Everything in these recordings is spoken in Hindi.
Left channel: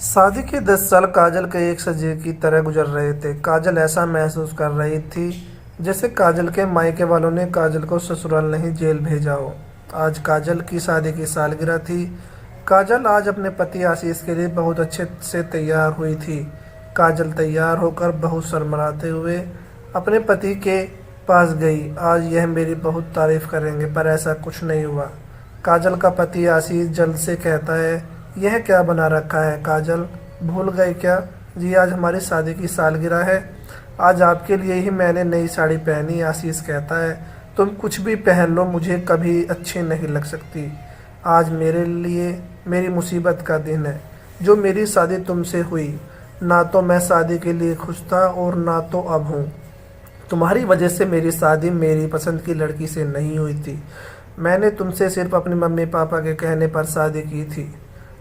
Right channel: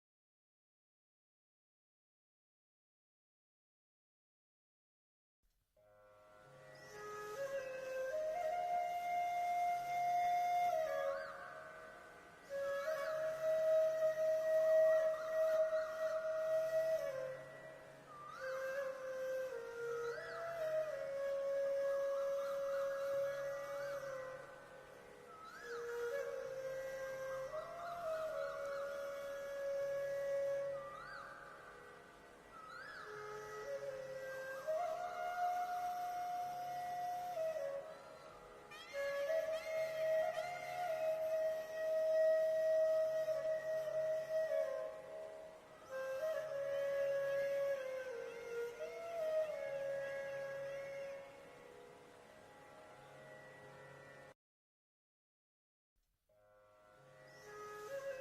शादी के 10 साल काजल के एक सजे की तरह गुजर रहे थे। काजल ऐसा महसूस कर रही थी जैसे काजल के मायके वालों ने काजल को ससुराल नहीं जेल भेजा हो। आज काजल की शादी की सालगिरह थी। काजल आज अपने पति आशीष के लिए बहुत अच्छे से तैयार हुई थी। काजल तैयार होकर बहुत शर्माते हुए अपने पति के पास गई। आज यह मेरी बहुत तारीफ करेंगे, पर ऐसा कुछ नहीं हुआ। काजल का पति आशीष जल्द से कहता है, यह क्या बना रखा है काजल, भूल गए क्या? जी, आज हमारी शादी की सालगिरह है। आज आपके लिए ही मैंने नई साड़ी पहनी। आशीष कहता है, तुम कुछ भी पहन लो, मुझे कभी अच्छी नहीं लग सकती। आज मेरे लिए मेरी मुसीबत का दिन है, जो मेरी शादी तुमसे हुई। ना तो मैं शादी के लिए खुश था और ना तो अब हूँ। तुम्हारी वजह से मेरी शादी मेरी पसंद की लड़की से नहीं हुई थी। मैंने तुमसे सिर्फ अपने मम्मी पापा के कहने पर शादी की थी,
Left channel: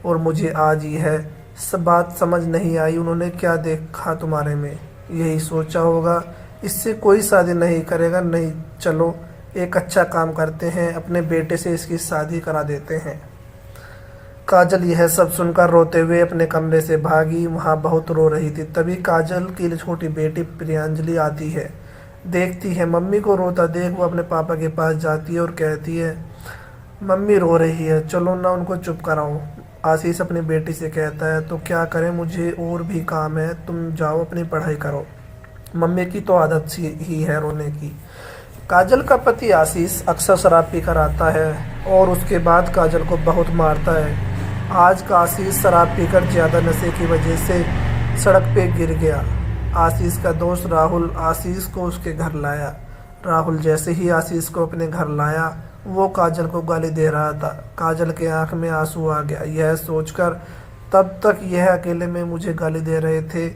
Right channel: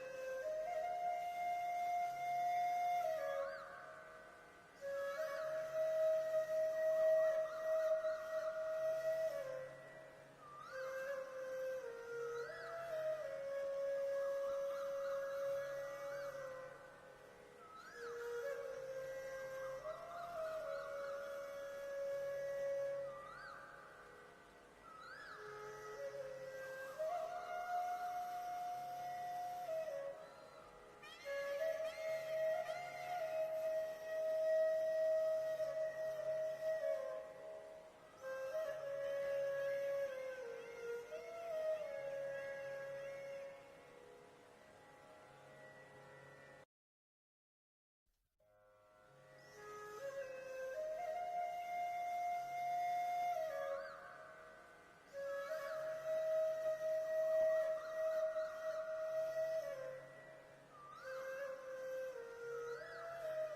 और मुझे आज यह सब बात समझ नहीं आई। उन्होंने क्या देखा तुम्हारे में, यही सोचा होगा इससे कोई शादी नहीं करेगा। नहीं, चलो एक अच्छा काम करते हैं, अपने बेटे से इसकी शादी करा देते हैं। काजल यह सब सुनकर रोते हुए अपने कमरे से भागी। वहाँ बहुत रो रही थी। तभी काजल की छोटी बेटी प्रियांजलि आती है। देखती है मम्मी को रोता देख वो अपने पापा के पास जाती है और कहती है, मम्मी रो रही है, चलो ना उनको चुप कराओ। आशीष अपनी बेटी से कहता है, तो क्या करें, मुझे और भी काम है, तुम जाओ अपनी पढ़ाई करो। मम्मी की तो आदत सी ही है रोने की। काजल का पति आशीष अक्सर शराब पीकर आता है और उसके बाद काजल को बहुत मारता है। आज का आशीष शराब पीकर ज़्यादा नशे की वजह से सड़क पे गिर गया। आशीष का दोस्त राहुल आशीष को उसके घर लाया। राहुल जैसे ही आशीष को अपने घर लाया, वो काजल को गाली दे रहा था। काजल के आंख में आंसू आ गया, यह सोचकर तब तक यह अकेले में मुझे गाली दे रहे थे,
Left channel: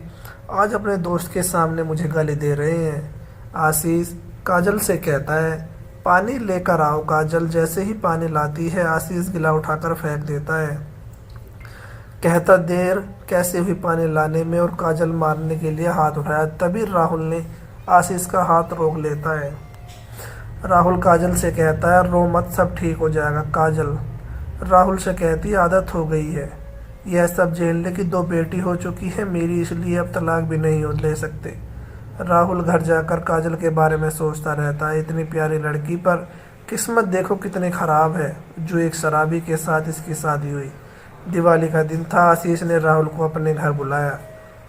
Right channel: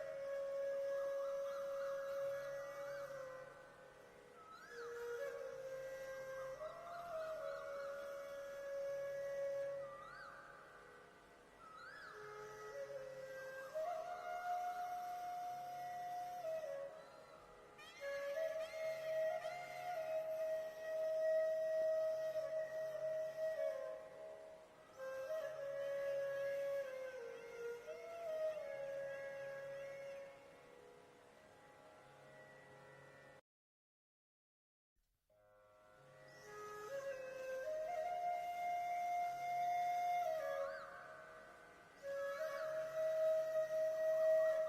आज अपने दोस्त के सामने मुझे गाली दे रहे हैं। आशीष काजल से कहता है, पानी लेकर आओ। काजल जैसे ही पानी लाती है, आशीष गिला उठाकर फेंक देता है। कहता, देर कैसे हुई पानी लाने में, और काजल मारने के लिए हाथ उठाया। तभी राहुल ने आशीष का हाथ रोक लेता है। राहुल काजल से कहता है, रो मत, सब ठीक हो जाएगा। काजल राहुल से कहती, आदत हो गई है, यह सब झेलने की, 2 बेटी हो चुकी है मेरी, इसलिए अब तलाक भी नहीं ले सकते। राहुल घर जाकर काजल के बारे में सोचता रहता है, इतनी प्यारी लड़की पर किस्मत देखो कितनी खराब है, जो एक शराबी के साथ इसकी शादी हुई। दिवाली का दिन था। आशीष ने राहुल को अपने घर बुलाया।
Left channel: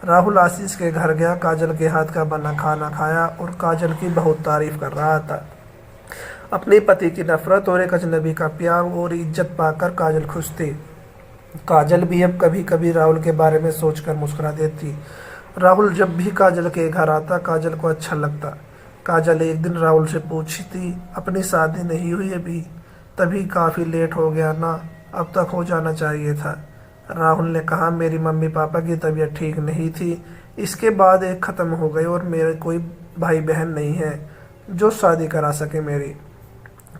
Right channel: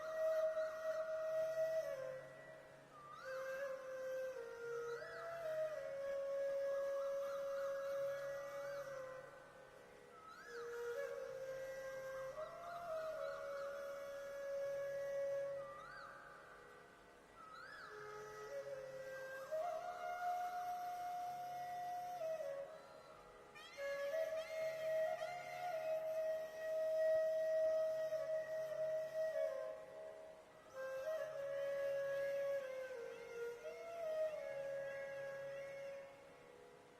राहुल आशीष के घर गया, काजल के हाथ का बना खाना खाया और काजल की बहुत तारीफ कर रहा था। अपने पति की नफरत और एक अजनबी का प्यार और इज्जत पाकर काजल खुश थी। काजल भी अब कभी कभी राहुल के बारे में सोचकर मुस्कुरा देती। राहुल जब भी काजल के घर आता, काजल को अच्छा लगता। काजल एक दिन राहुल से पूछती, अपनी शादी नहीं हुई अभी? तभी काफ़ी लेट हो गया ना, अब तक हो जाना चाहिए था। राहुल ने कहा, मेरी मम्मी पापा की तबीयत ठीक नहीं थी, इसके बाद एक ख़त्म हो गई, और मेरे कोई भाई बहन नहीं है जो शादी करा सके मेरी।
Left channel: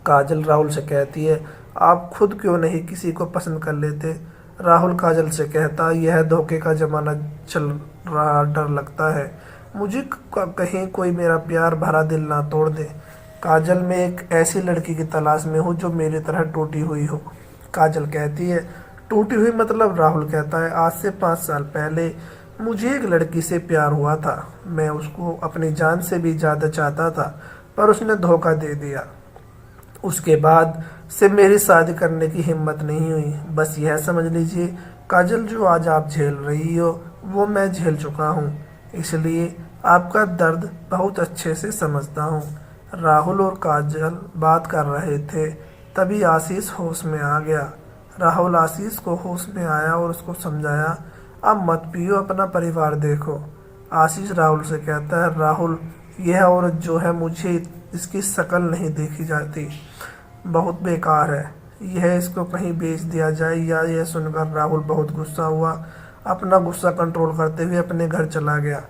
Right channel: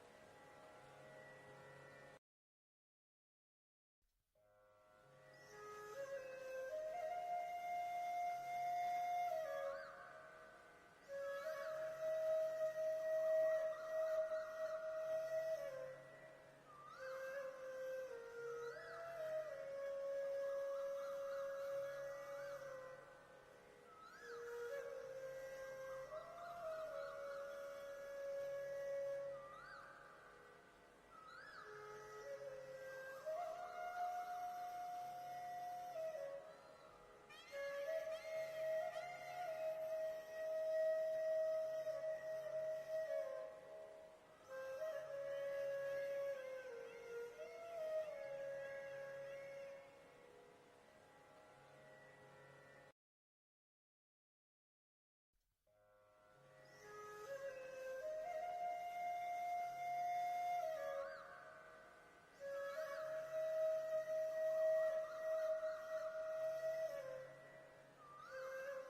काजल राहुल से कहती है, आप खुद क्यों नहीं किसी को पसंद कर लेते? राहुल काजल से कहता, यह धोखे का ज़माना चल रहा, डर लगता है मुझे कहीं कोई मेरा प्यार भरा दिल ना तोड़ दे। काजल, मैं एक ऐसी लड़की की तलाश में हूँ जो मेरी तरह टूटी हुई हो। काजल कहती है, टूटी हुई मतलब? राहुल कहता है, आज से 5 साल पहले मुझे एक लड़की से प्यार हुआ था। मैं उसको अपनी जान से भी ज़्यादा चाहता था, पर उसने धोखा दे दिया। उसके बाद से मेरी शादी करने की हिम्मत नहीं हुई। बस यह समझ लीजिए काजल, जो आज आप झेल रही हो वो मैं झेल चुका हूँ, इसलिए आपका दर्द बहुत अच्छे से समझता हूँ। राहुल और काजल बात कर रहे थे, तभी आशीष होश में आ गया। राहुल आशीष को होश में आया और उसको समझाया, अब मत पियो, अपना परिवार देखो। आशीष राहुल से कहता है, राहुल, यह औरत जो है, मुझे इसकी शक्ल नहीं देखी जाती, बहुत बेकार है, यह इसको कहीं बेच दिया जाए। या यह सुनकर राहुल बहुत गुस्सा हुआ। अपना गुस्सा कंट्रोल करते हुए अपने घर चला गया।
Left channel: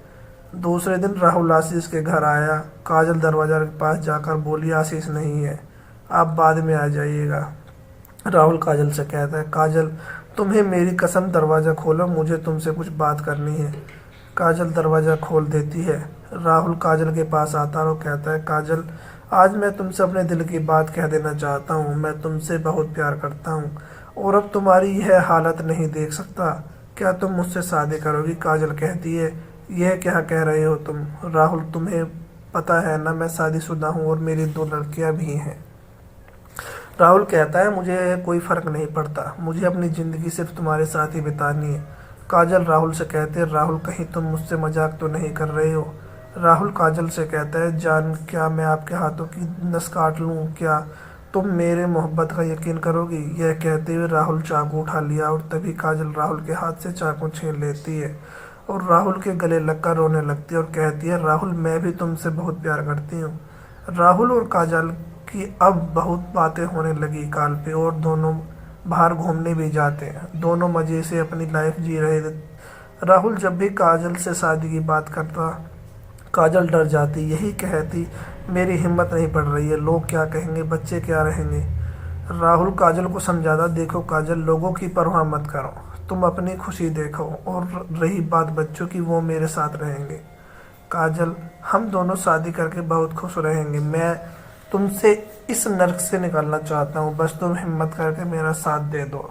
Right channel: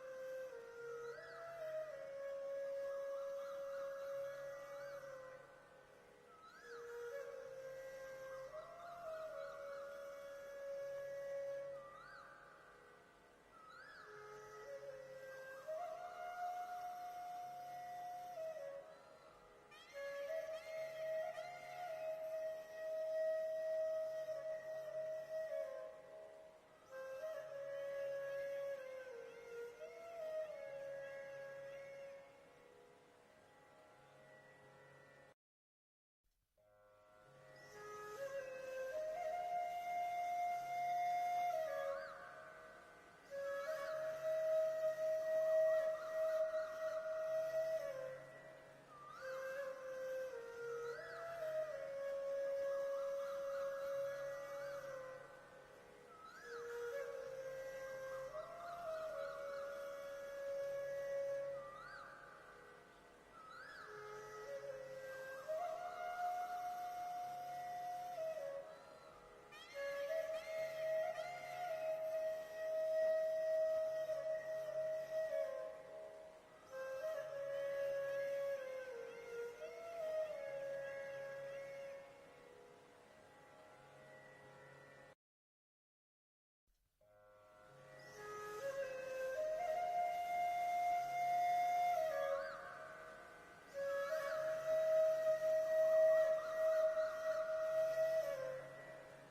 दूसरे दिन राहुल आशीष के घर आया। काजल दरवाजा के पास जाकर बोली, आशीष नहीं है, आप बाद में आ जाइएगा। राहुल काजल से कहता है, काजल, तुम्हें मेरी कसम दरवाज़ा खोलो, मुझे तुमसे कुछ बात करनी है। काजल दरवाज़ा खोल देती है। राहुल काजल के पास आता है और कहता है, काजल, आज मैं तुमसे अपने दिल की बात कह देना चाहता हूँ। मैं तुमसे बहुत प्यार करता हूँ और अब तुम्हारी यह हालत नहीं देख सकता। क्या तुम मुझसे शादी करोगी? काजल कहती है, यह क्या कह रहे हो तुम? राहुल, तुम्हें पता है ना मैं शादीशुदा हूँ और मेरी 2 लड़कियां भी हैं। राहुल कहता है, मुझे कोई फर्क नहीं पड़ता, मुझे अपनी ज़िंदगी सिर्फ तुम्हारे साथ ही बितानी है। काजल राहुल से कहती है, राहुल कहीं तुम मुझसे मजाक तो नहीं कर रहे हो? राहुल काजल से कहता है, जान क्या मैं आपके हाथों की नस काट लूँ क्या? तुम मेरे मोहब्बत का यकीन करोगी? यह कहते हुए राहुल चाकू उठा लिया और तभी काजल राहुल के हाथ से चाकू छीन लेती है और राहुल के गले लगकर रोने लगती है और कहती है, राहुल मैं भी तुमसे बहुत प्यार करती हूँ। राहुल और काजल की अब बहुत बातें होने लगी काल पे और दोनों बाहर घूमने भी जाते हैं। दोनों मज़े से अपनी लाइफ जी रहे थे। राहुल जब भी काजल से शादी की बात करता, काजल डर जाती, यही कहती, मेरी हिम्मत नहीं पड़ रही है, लोग क्या कहेंगे, बच्चे क्या रहेंगे। राहुल काजल को समझाता, देखो काजल, लोगों की परवाह मत करो, तुम अपनी खुशी देखो, और रही बात बच्चों की, वो मेरे साथ रहेंगे। काजल, हम दोनों शादी करके बहुत खुश रहेंगे, मैं तुमसे इस नर्क से निकलना चाहता हूँ, बस तुम हिम्मत करके मेरा साथ दे दो।